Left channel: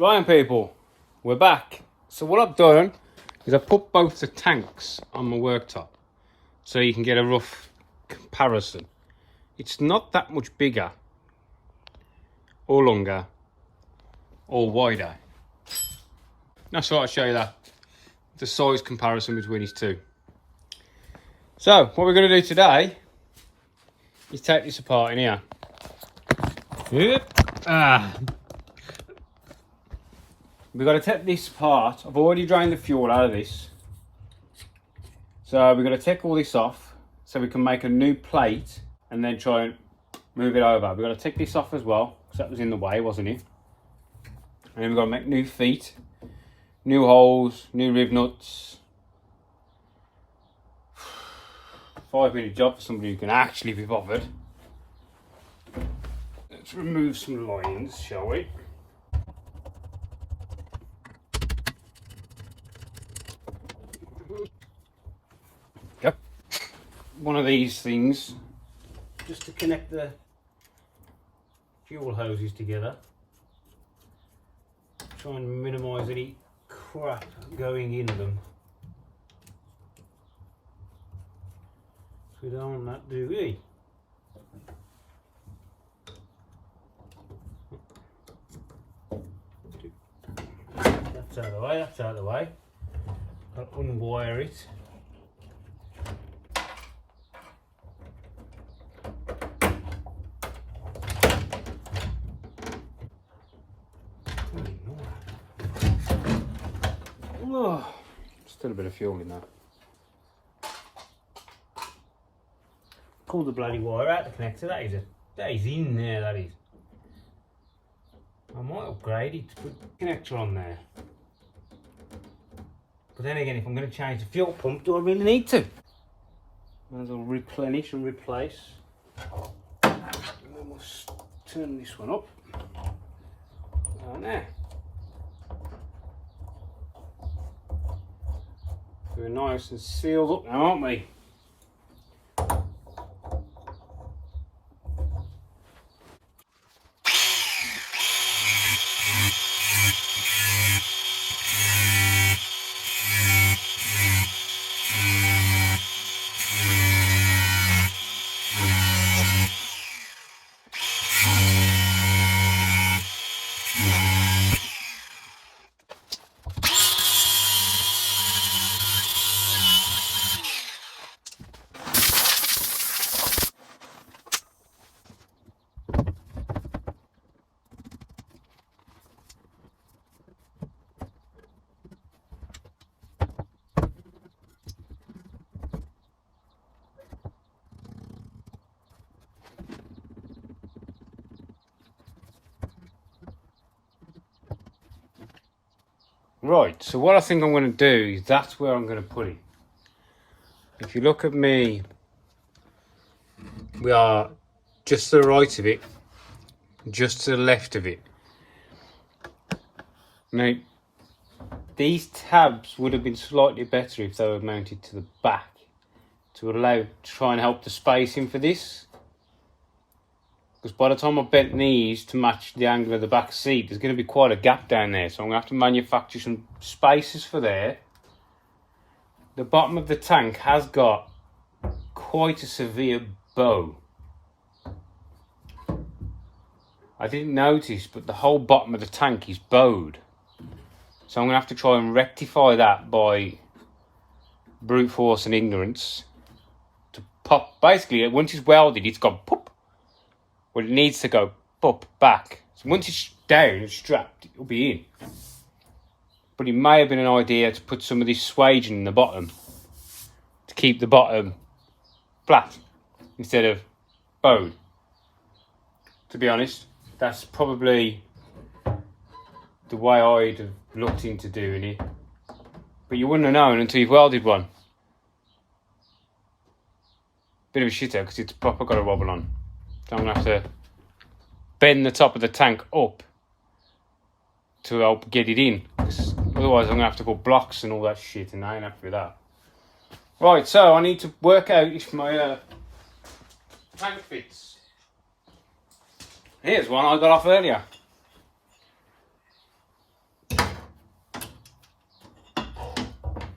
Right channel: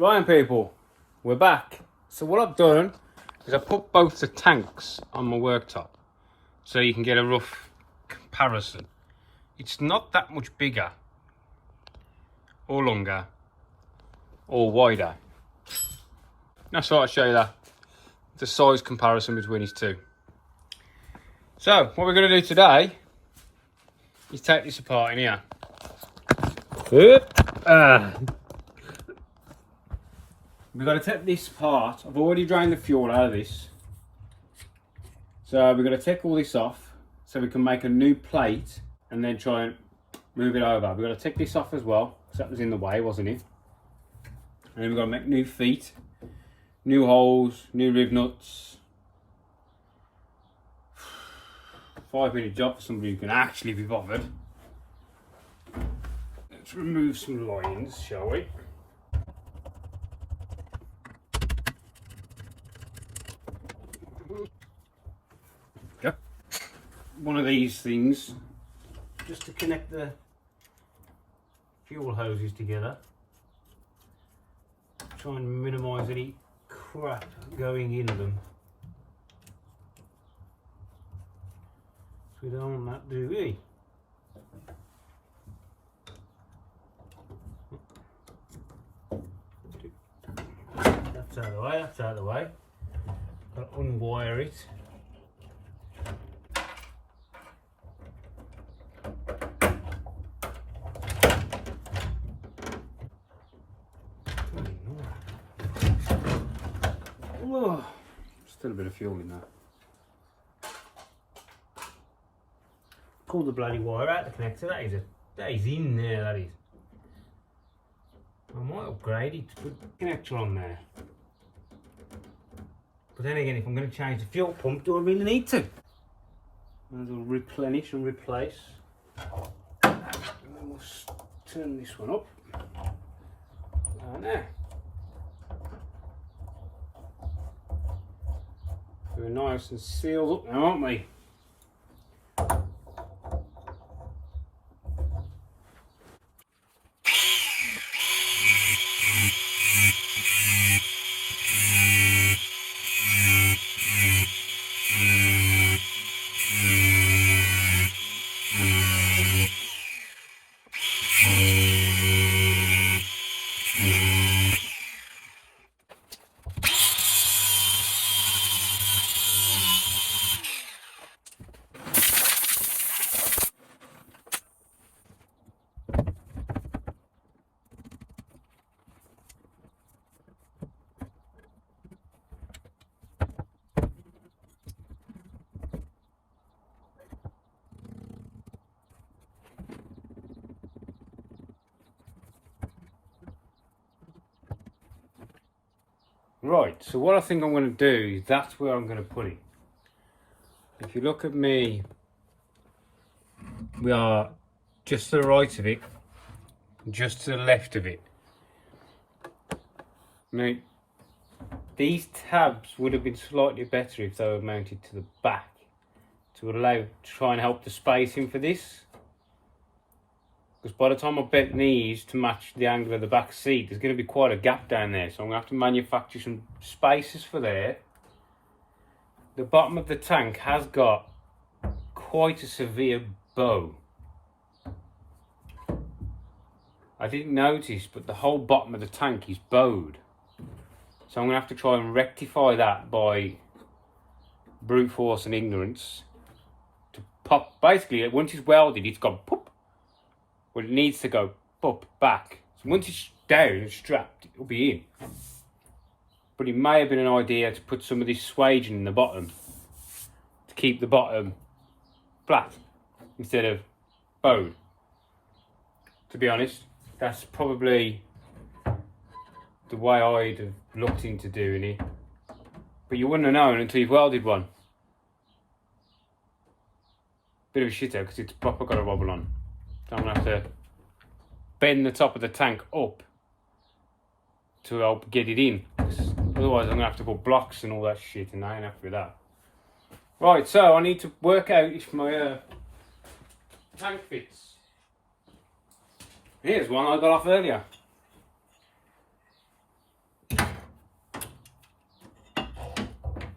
Right, people, we're back. So what I've done is I've put both the tanks on my worktop so you can get a rough comparison. It's not that much bigger or longer or wider. That's what I'll show you that. The size comparison between these two. So what we're going to do today is take this apart in here. We've got to take this apart. I've already drained the fuel out of this. So we've got to take all this off so we can make a new plate and then try and move it over. We've got to take this off as well because that was in the way, wasn't it? And then we've got to make new feet, new holes, new rib nuts. 5-minute job for somebody who can actually be bothered. Let's remove some lines, shall we? Yep. One of these things just to connect the fuel hoses together. Try and minimise any crap going in them. So we don't want that, do we? That's out of the way, that's out of the way. Got to unwire it. Oh, still a bit of fuel in there. Pull the bloody wire out the connector. That is in there. That is. I might upgrade it to put the connector on there. But then again, if I'm going to change the fuel pump, do I really need to? Might as well replenish and replace. And then we'll turn this one up. Down there. We're nice and sealed up now, aren't we? Right, so what I think I'm going to do is that's where I'm going to put it. If you look at me, we are just to the right of it, just to the left of it. Now, these tabs would have been slightly better if they were mounted to the back to try and help the spacing for this. Because by the time I bent these to match the angle of the back seat, there's going to be quite a gap down there. So I'm going to have to manufacture some spaces for there. The bottom of the tank has got quite a severe bow. I didn't notice, but the whole bottom of the tank is bowed. So I'm going to have to try and rectify that by brute force and ignorance. To pop, basically, once it's welded, it's gone pop. Well, it needs to go pop back. So once it's down and strapped, it'll be in. But it may have been an idea to put some of this swaging in the bottom to keep the bottom flat instead of bowed. To be honest, that's probably the way I'd have looked into doing it. But you wouldn't have known until you've welded one. Bit of a shitter because it's proper got a wobble on. So I'm going to have to bend the top of the tank up to help get it in. Otherwise I'm going to have to put blocks and all that shit, and I ain't happy with that. Right, so I need to work out if my tank fits. Here's one I got off earlier.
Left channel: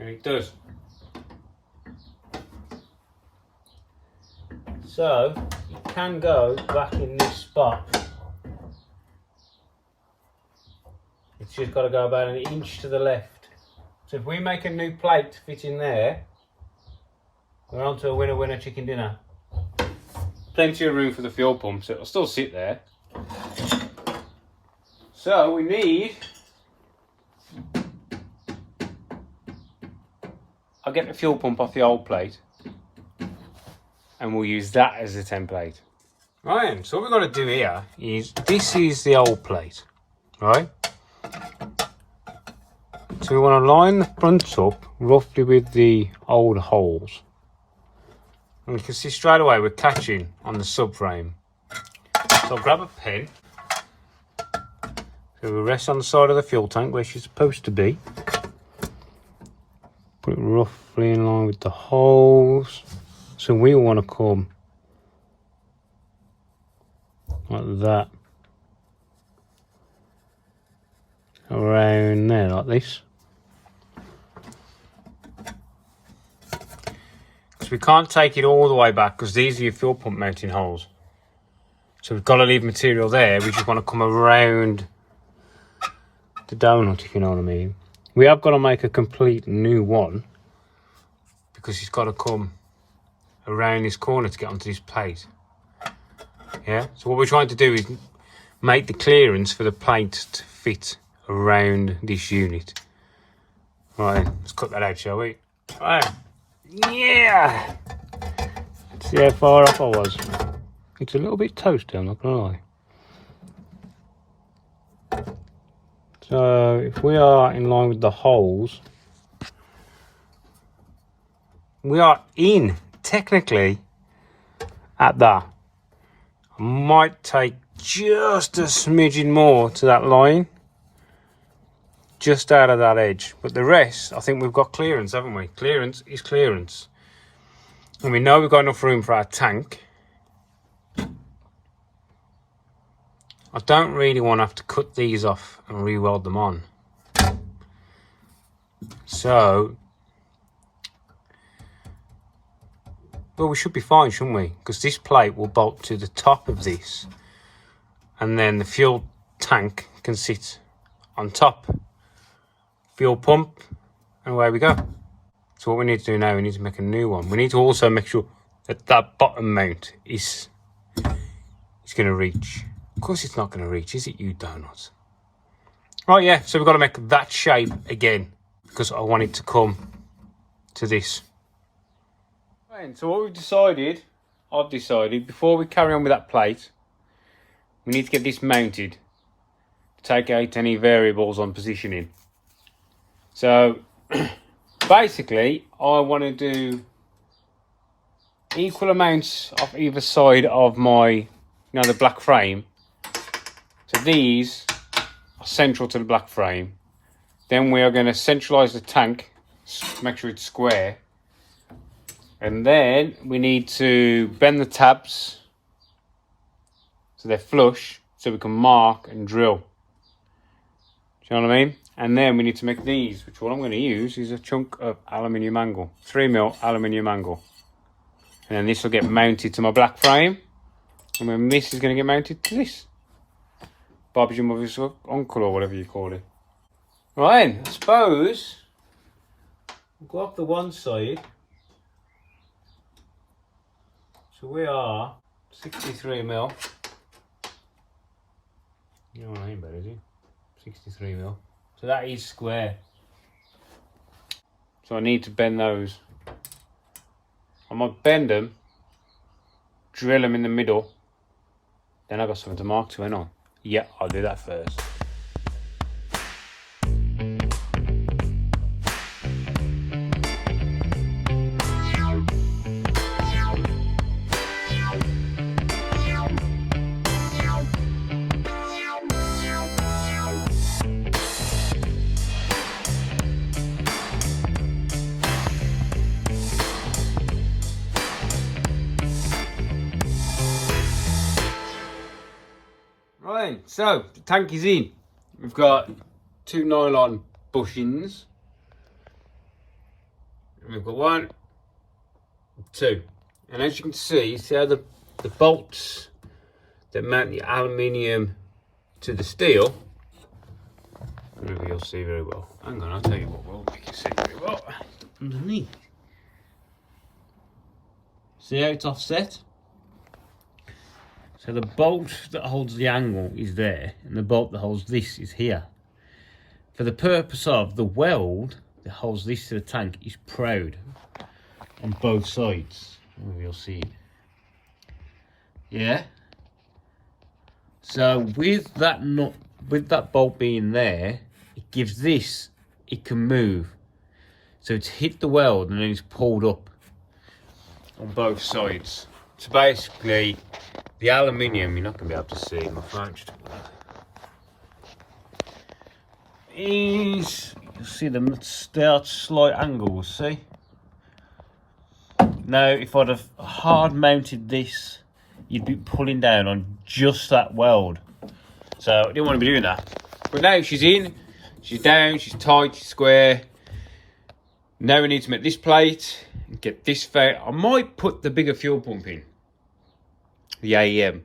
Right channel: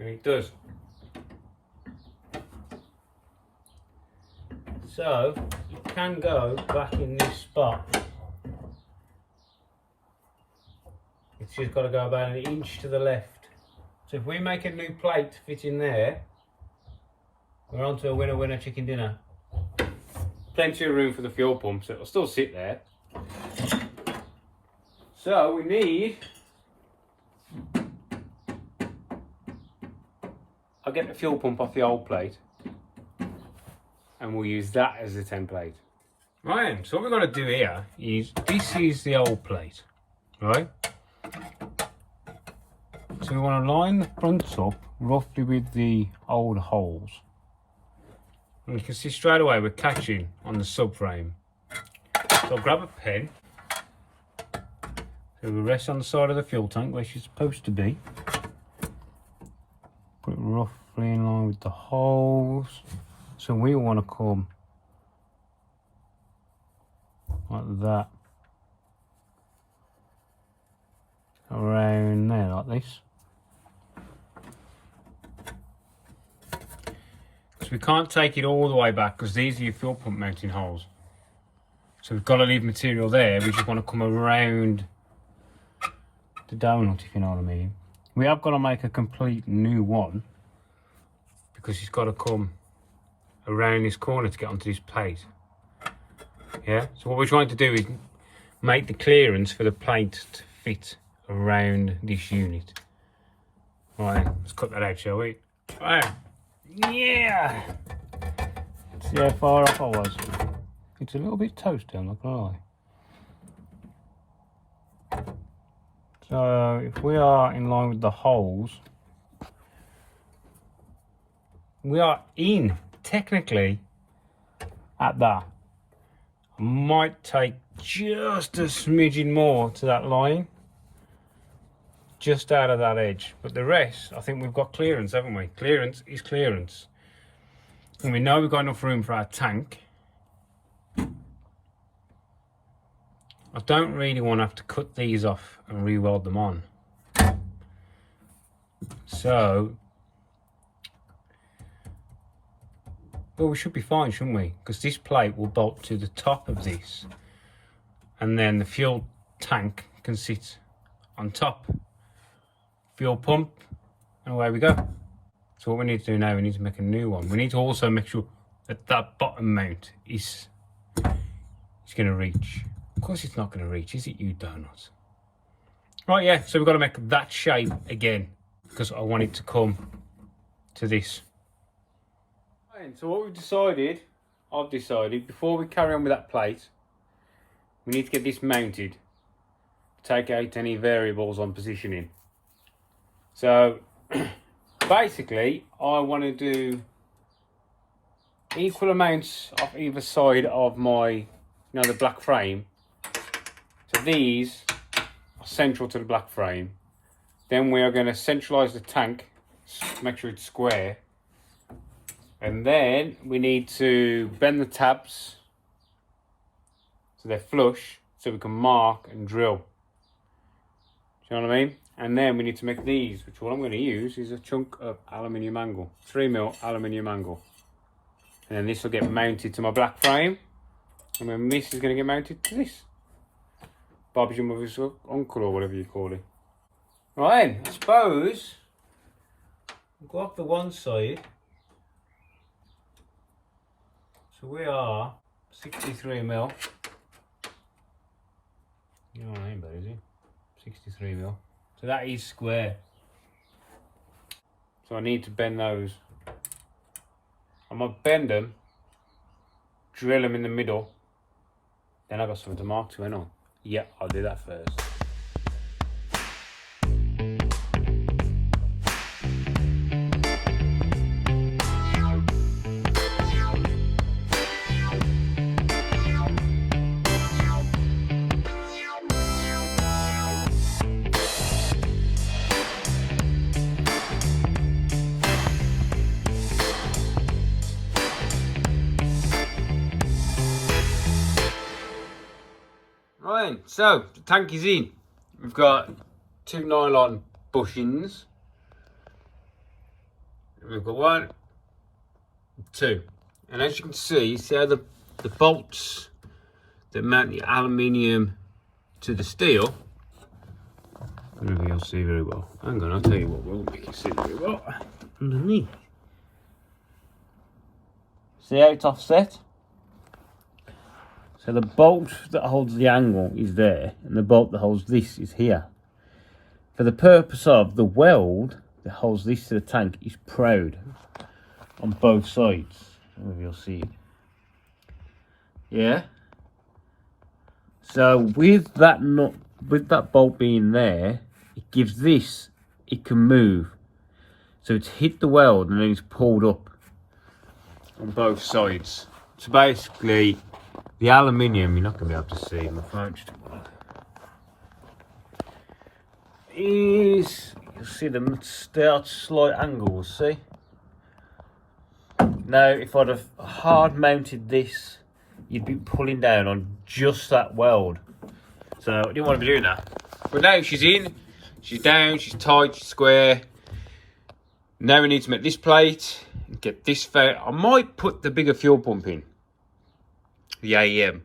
And it does. So it can go back in this spot. It's just got to go about an inch to the left. So if we make a new plate to fit in there, we're on to a winner winner chicken dinner. Plenty of room for the fuel pump, so it'll still sit there. So we need, I'll get the fuel pump off the old plate and we'll use that as a template. Right, so what we've got to do here is, this is the old plate, right? So we want to line the front up roughly with the old holes. And you can see straight away we're catching on the subframe. So I'll grab a pen. So we'll rest on the side of the fuel tank where she's supposed to be. Put it roughly in line with the holes. So we want to come like that. Around there like this. So we can't take it all the way back because these are your fuel pump mounting holes. So we've got to leave material there. We just want to come around the donut, if you know what I mean. We have got to make a complete new one because it's got to come around this corner to get onto this plate. Yeah, so what we're trying to do is make the clearance for the plate to fit around this unit. Right, let's cut that out, shall we? Right, yeah! Let's see how far off I was. It's a little bit toasty, I'm not gonna lie. So if we are in line with the holes, we are in technically at that. I might take just a smidgen more to that line, just out of that edge, but the rest I think we've got clearance, haven't we? Clearance is clearance, and we know we've got enough room for our tank. I don't really want to have to cut these off and re-weld them on. So, well, we should be fine, shouldn't we? Because this plate will bolt to the top of this, and then the fuel tank can sit on top. Fuel pump, and away we go. So what we need to do now, we need to make a new one. We need to also make sure that that bottom mount is going to reach. Of course it's not going to reach, is it, you donuts? Right, yeah, so we've got to make that shape again because I want it to come to this. Right, so what I've decided, before we carry on with that plate, we need to get this mounted. Take out any variables on positioning. So basically I want to do equal amounts of either side of my, the black frame. So these are central to the black frame. Then we are going to centralize the tank, make sure it's square. And then we need to bend the tabs so they're flush, so we can mark and drill. Do you know what I mean? And then we need to make these, which what I'm going to use is a chunk of aluminium angle, 3mm aluminium angle. And then this will get mounted to my black frame, and then this is going to get mounted to this. Bob's your mother's uncle, or whatever you call it. Right then, I suppose we'll go up the one side. So we are 63mm. You know what I mean, but is it? 63mm. So that is square. So I need to bend those. I might bend them, drill them in the middle, then I've got something to mark to end on. Yeah, I'll do that first. Right, so the tank is in. We've got 2 nylon bushings. And we've got 1, 2. And as you can see how the bolts that mount the aluminium to the steel, maybe you'll see very well. Hang on, I'll tell you what, we'll make you see very well. Underneath. See how it's offset? So the bolt that holds the angle is there, and the bolt that holds this is here. For the purpose of the weld that holds this to the tank is proud on both sides. Maybe you'll see it. Yeah. So with that nut, with that bolt being there, it gives this, it can move. So it's hit the weld and then it's pulled up on both sides. So basically, the aluminium, you're not going to be able to see my phone just is, you see them, they are slight angles, see? Now, if I'd have hard mounted this, you'd be pulling down on just that weld. So I didn't want to be doing that. But now she's in, she's down, she's tight, she's square. Now we need to make this plate and get this fat. I might put the bigger fuel pump in, the AEM.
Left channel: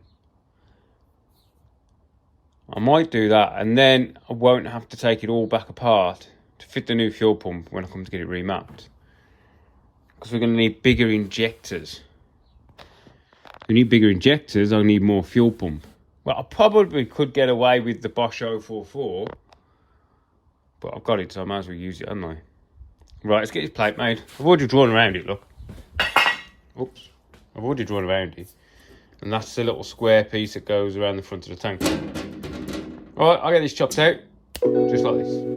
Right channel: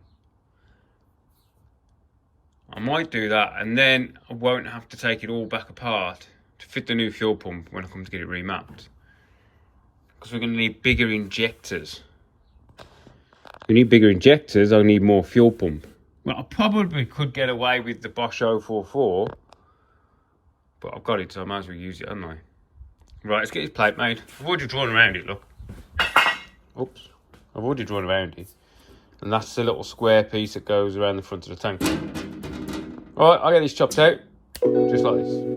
I might do that, and then I won't have to take it all back apart to fit the new fuel pump when I come to get it remapped. Because we're going to need bigger injectors. If we need bigger injectors, I need more fuel pump. Well, I probably could get away with the Bosch 044, but I've got it, so I might as well use it, haven't I? Right, let's get this plate made. I've already drawn around it, look. Oops. I've already drawn around it. And that's the little square piece that goes around the front of the tank. Alright, I'll get this chopped out, just like this.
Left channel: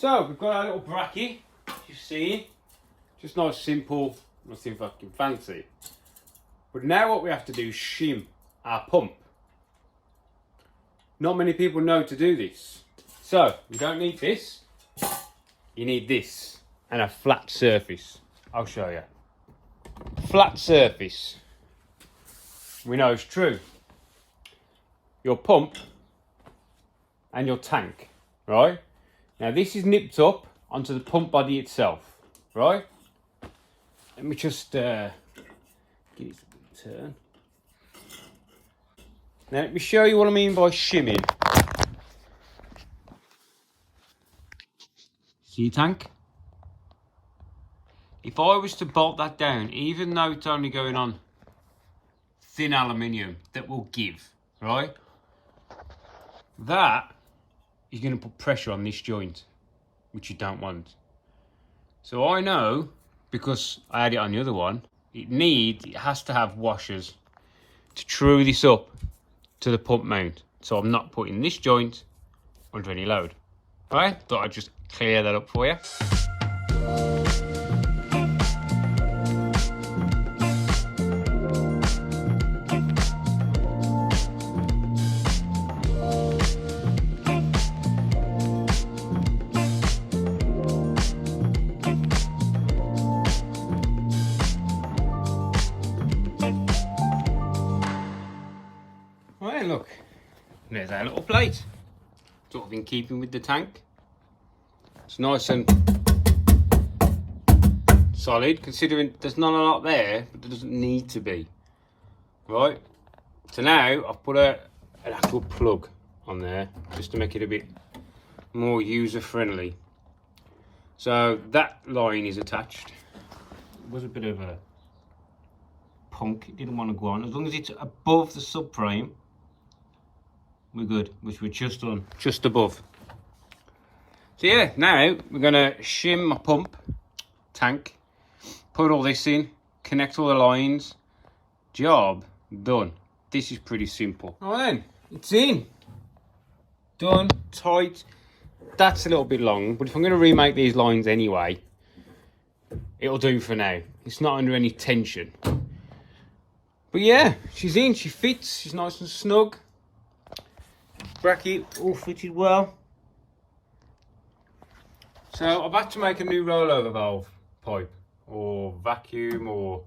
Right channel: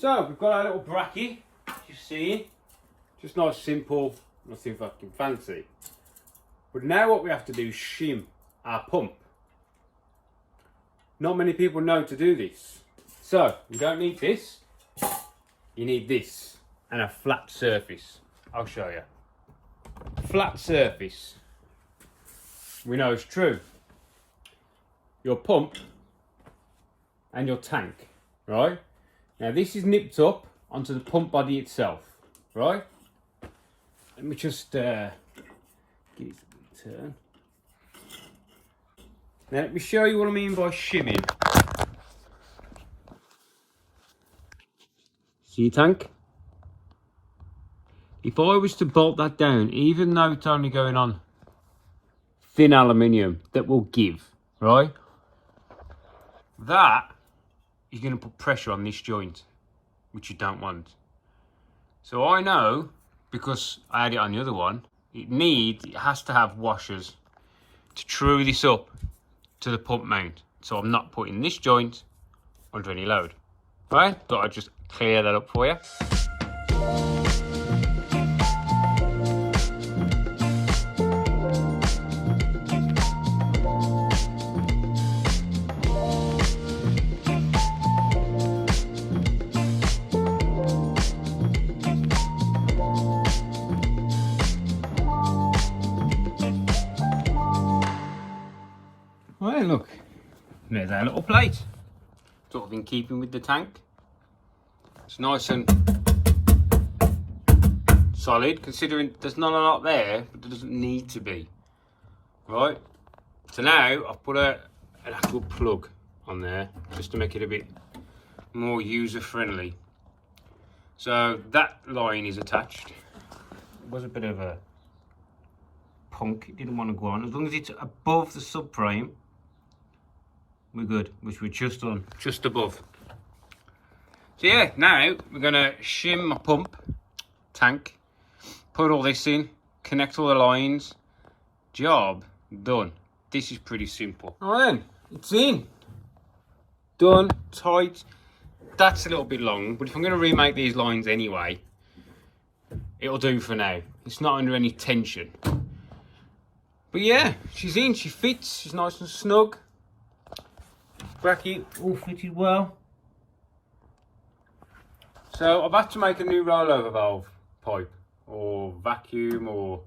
So we've got our little bracket, you see, just nice, simple, nothing fucking fancy. But now what we have to do is shim our pump. Not many people know to do this. So you don't need this, you need this and a flat surface. I'll show you. Flat surface, we know it's true. Your pump and your tank, right? Now this is nipped up onto the pump body itself, right? Let me just give it a turn. Now let me show you what I mean by shimming. See your tank? If I was to bolt that down, even though it's only going on thin aluminium, that will give, right? That is going to put pressure on this joint, which you don't want. So I know, because I had it on the other one, it has to have washers to true this up to the pump mount. So I'm not putting this joint under any load. Right? Thought I'd just clear that up for you. Right, look, there's our little plate. Sort of in keeping with the tank. It's nice and solid, considering there's not a lot there, but there doesn't need to be. Right, so now I've put an actual plug on there, just to make it a bit more user friendly. So that line is attached. It was a bit of a punk, it didn't want to go on. As long as it's above the subframe, we're good, which we're just on, just above. So yeah, now we're gonna shim my pump tank, put all this in, connect all the lines, job done. This is pretty simple. All right then, it's in, done, tight. That's a little bit long, but if I'm gonna remake these lines anyway, it'll do for now. It's not under any tension. But yeah, she's in, she fits, she's nice and snug. Bracket all fitted well. So I've had to make a new rollover valve pipe, or vacuum, or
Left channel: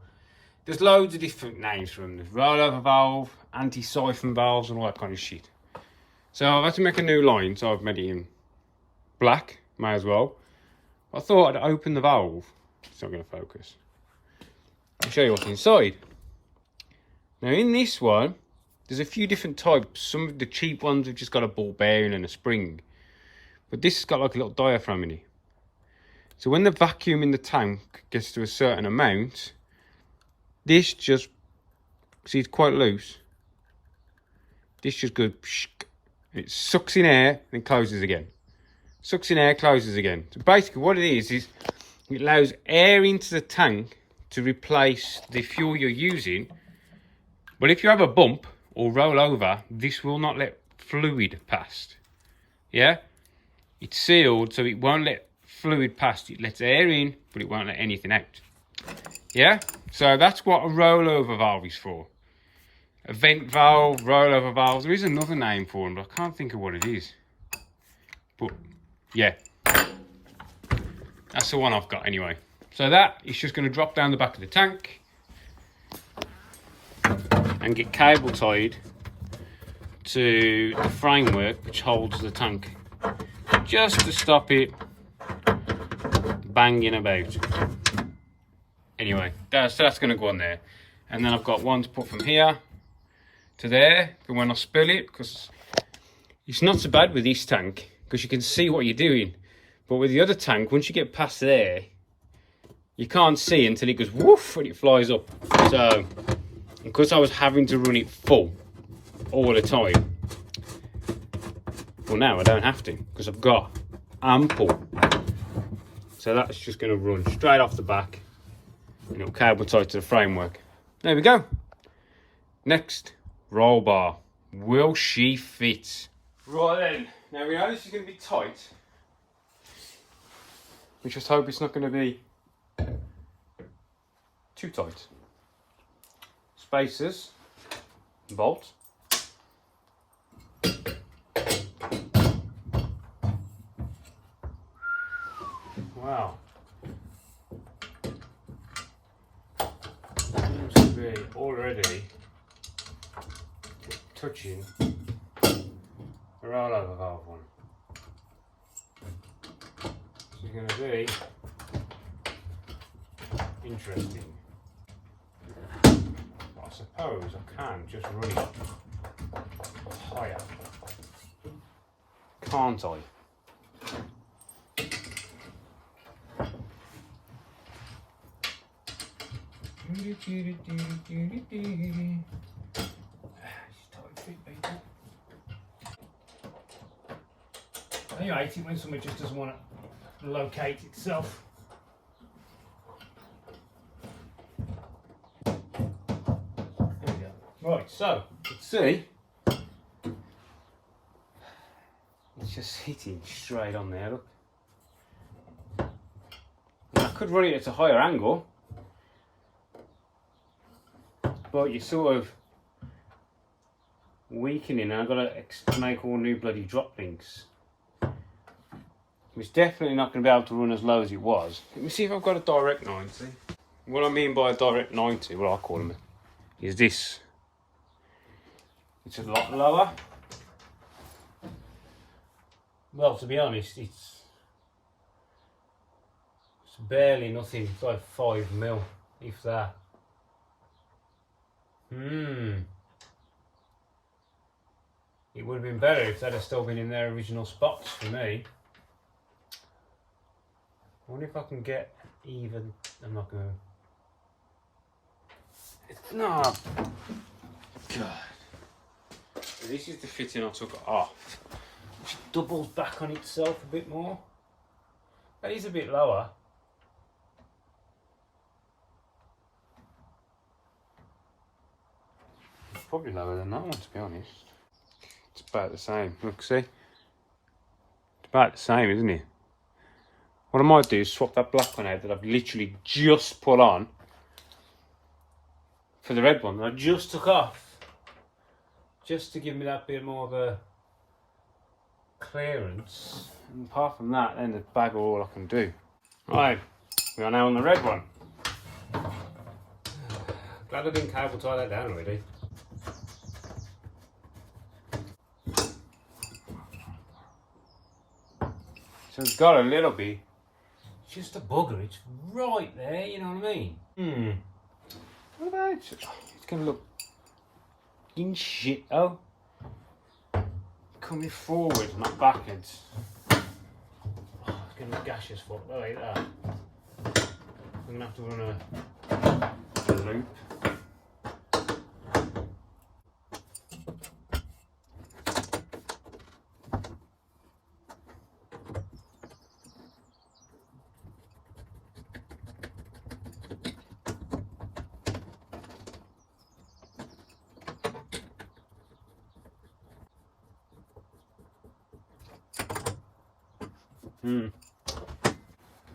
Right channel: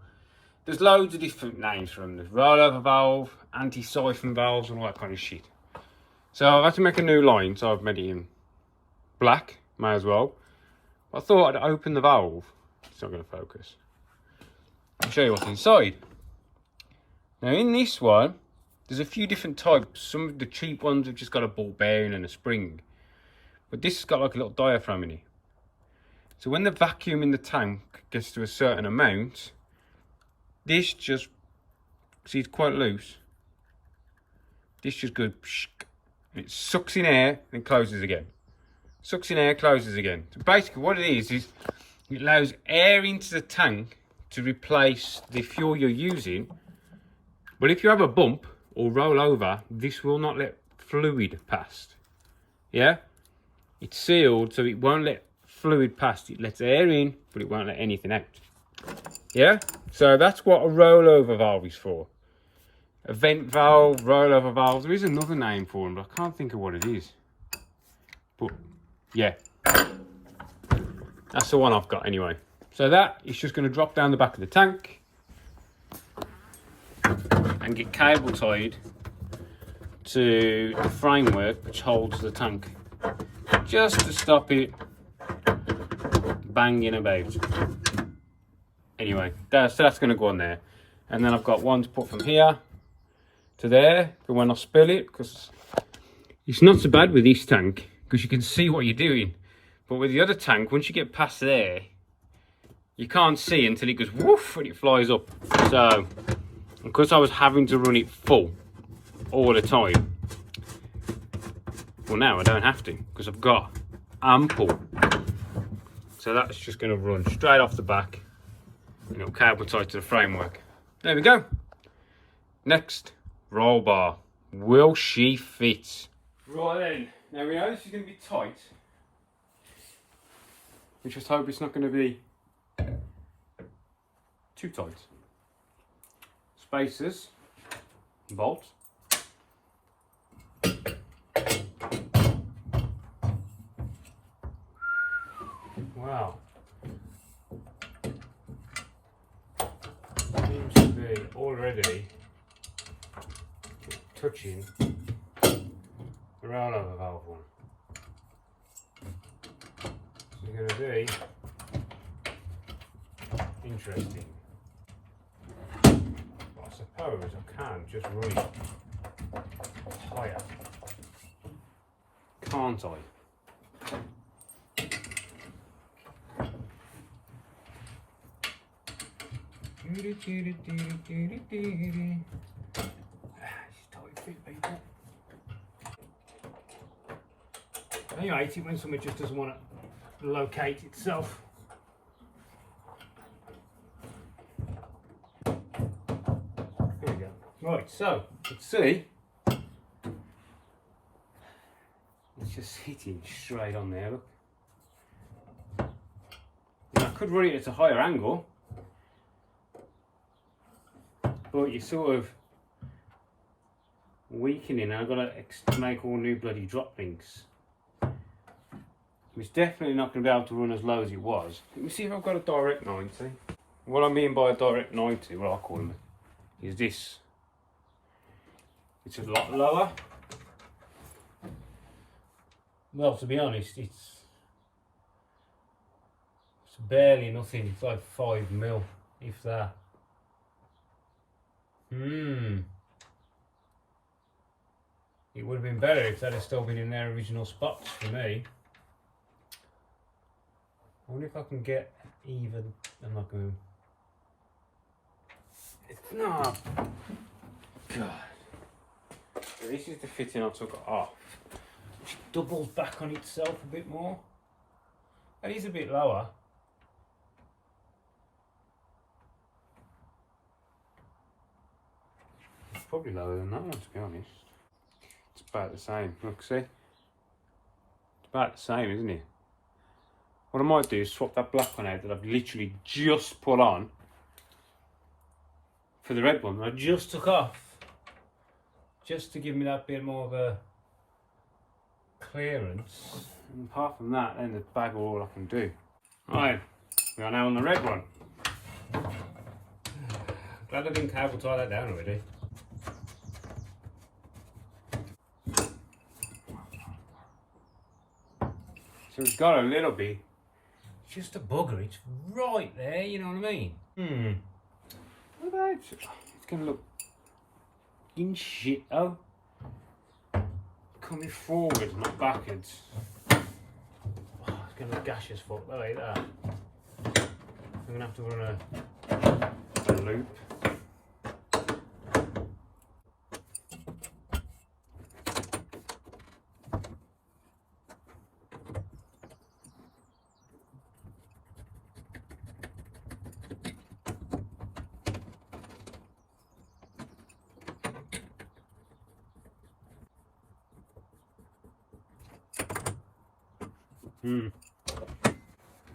there's loads of different names for them. There's rollover valve, anti-siphon valves, and all that kind of shit. So I've had to make a new line, so I've made it in black, may as well. I thought I'd open the valve. It's not going to focus. I'll show you what's inside. Now in this one, there's a few different types. Some of the cheap ones have just got a ball bearing and a spring. But this has got like a little diaphragm in it. So when the vacuum in the tank gets to a certain amount, this just, see it's quite loose. This just goes, and it sucks in air and closes again. Sucks in air, closes again. So basically what it is it allows air into the tank to replace the fuel you're using. But if you have a bump or roll over, this will not let fluid past. Yeah? It's sealed, so it won't let fluid past. It lets air in, but it won't let anything out. Yeah? So that's what a rollover valve is for. A vent valve, rollover valve. There is another name for them, but I can't think of what it is. But, yeah. That's the one I've got anyway. So that is just going to drop down the back of the tank and get cable tied to the framework which holds the tank, just to stop it banging about. Anyway, so that's going to go on there, and then I've got one to put from here to there for when I spill it, because it's not so bad with this tank because you can see what you're doing, but with the other tank, once you get past there, you can't see until it goes woof and it flies up. So because I was having to run it full all the time, well now I don't have to, because I've got ample. So that's just going to run straight off the back, and it'll cable tied to the framework. There we go. Next, roll bar. Will she fit? Right then, now we know this is going to be tight. We just hope it's not going to be too tight. Spacers, bolt. Wow. Seems to be already touching the rollover valve one. So it's going to be interesting. I suppose I can just run it higher, can't I? tight fit, people. I hate it when something just doesn't want to locate itself. There we go. Right, so let's see. It's just hitting straight on there. Look. Now, I could run it at a higher angle, but you're sort of weakening, and I've got to make all new bloody drop links. It's definitely not going to be able to run as low as it was. Let me see if I've got a direct 90. What I mean by a direct 90, what I call them, is this. It's a lot lower. Well, to be honest, it's barely nothing. It's like 5 mil, if that. It would have been better if that had still been in their original spots for me. I wonder if I can get even. I'm not going to. No. God. This is the fitting I took off. It doubles back on itself a bit more. That is a bit lower. It's probably lower than that one, to be honest. It's about the same. Look, see? It's about the same, isn't it? What I might do is swap that black one out that I've literally just put on for the red one that I just took off, just to give me that bit more of a clearance. And apart from that, then the bag are all I can do. Right, we are now on the red one. Glad I didn't cable tie that down already. So it's got a little bit. Just a bugger, it's right there, you know what I mean? What about it? It's gonna look in shit though. Coming forward, not backwards. Oh, it's gonna look gaseous fuck, like that. I'm gonna have to run a loop.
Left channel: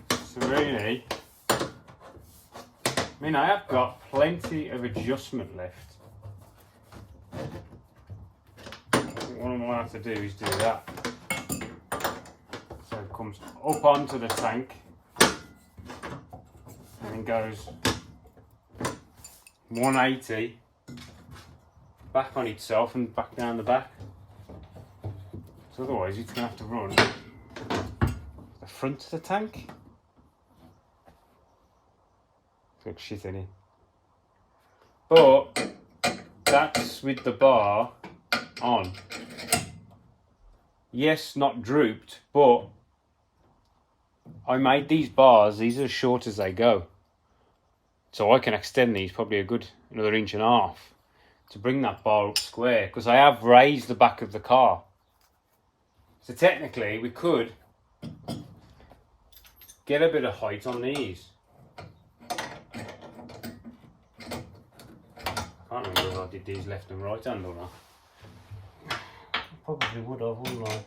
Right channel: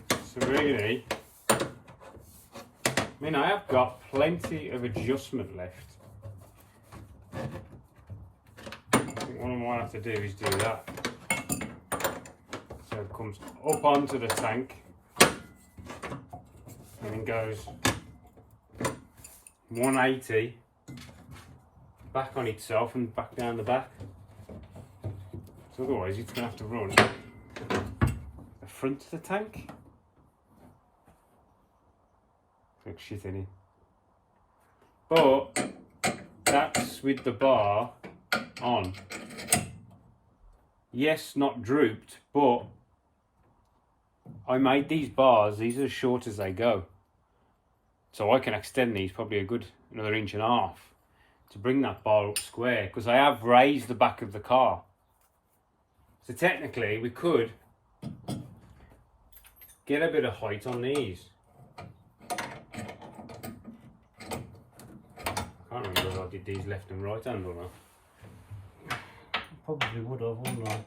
So really, I mean, I have got plenty of adjustment left. I think what I might have to do is do that. So it comes up onto the tank and then goes 180 back on itself and back down the back. So otherwise it's going to have to run the front of the tank. Looks shit in it. But that's with the bar on. Yes, not drooped, but I made these bars, these are as short as they go. So I can extend these probably a good another 1.5 inches to bring that bar up square, because I have raised the back of the car. So technically we could get a bit of height on these. I can't remember if I did these left and right hand or not. Probably would have, wouldn't I?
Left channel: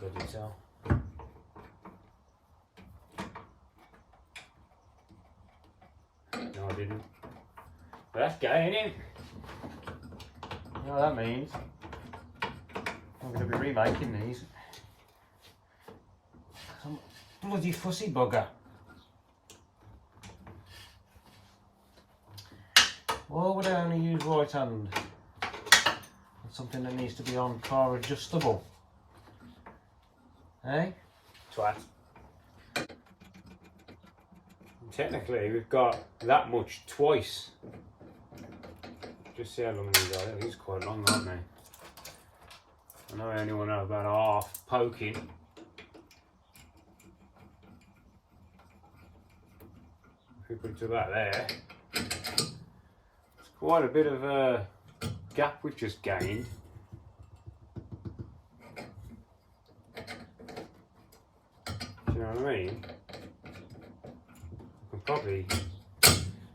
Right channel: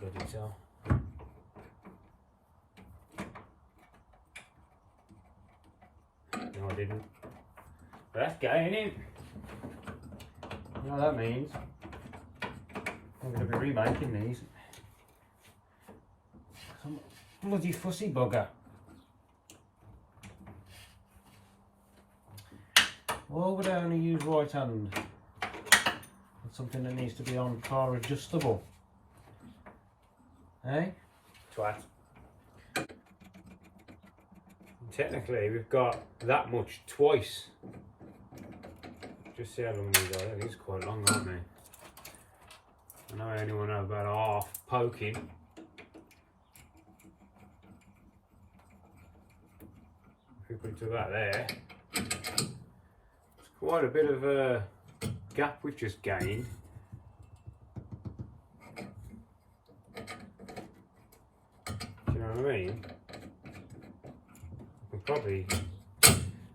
Bloody hell. No, I didn't. But that's going in. You know what that means? I'm going to be remaking these. Some bloody fussy bugger. Why would I only use right hand? That's something that needs to be on car adjustable. Eh? Twat. Technically we've got that much twice. just see how long these are. These are quite long, aren't they? I know I only want to have about half poking. If we put it to about there, it's quite a bit of a gap we've just gained. Do you know what I mean? I can probably...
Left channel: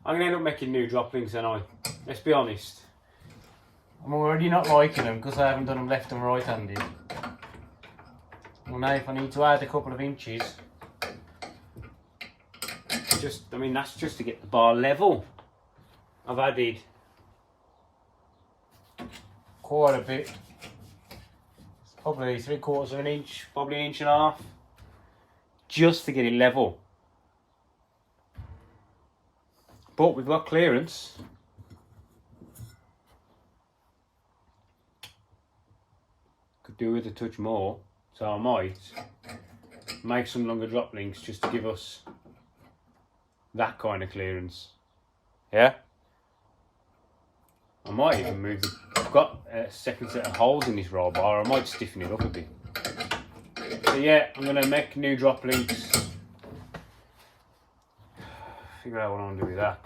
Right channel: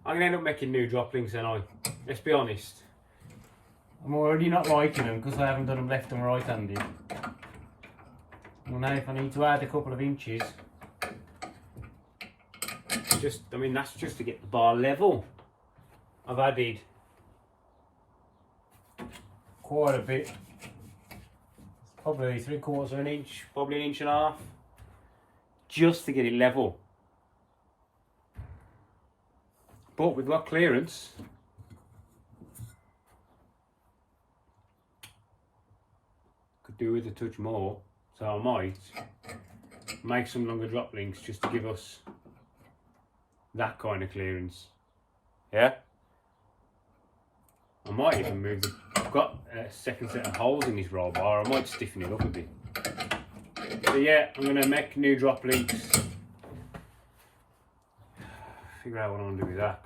I'm going to end up making new droplings, and let's be honest. I'm already not liking them because I haven't done them left and right handed. Well, now if I need to add a couple of inches, I mean that's just to get the bar level. I've added quite a bit. It's probably 3/4 of an inch, probably 1.5 inches, just to get it level. But we've got clearance. Could do with a touch more, so I might make some longer drop links just to give us that kind of clearance. Yeah? I might even move I've got a second set of holes in this roll bar. I might stiffen it up a bit. So yeah, I'm going to make new drop links. Figure out what I'm going to do with that.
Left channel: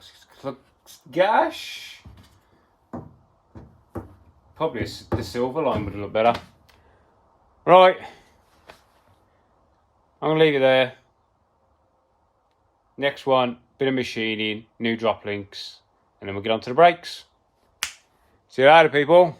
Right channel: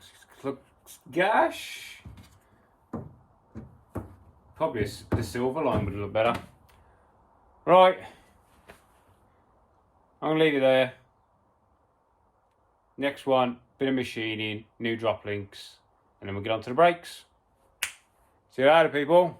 Look, gosh! Probably the silver line would look better. Right. I'm going to leave it there. Next one, bit of machining, new drop links, and then we'll get on to the brakes. See you later, people.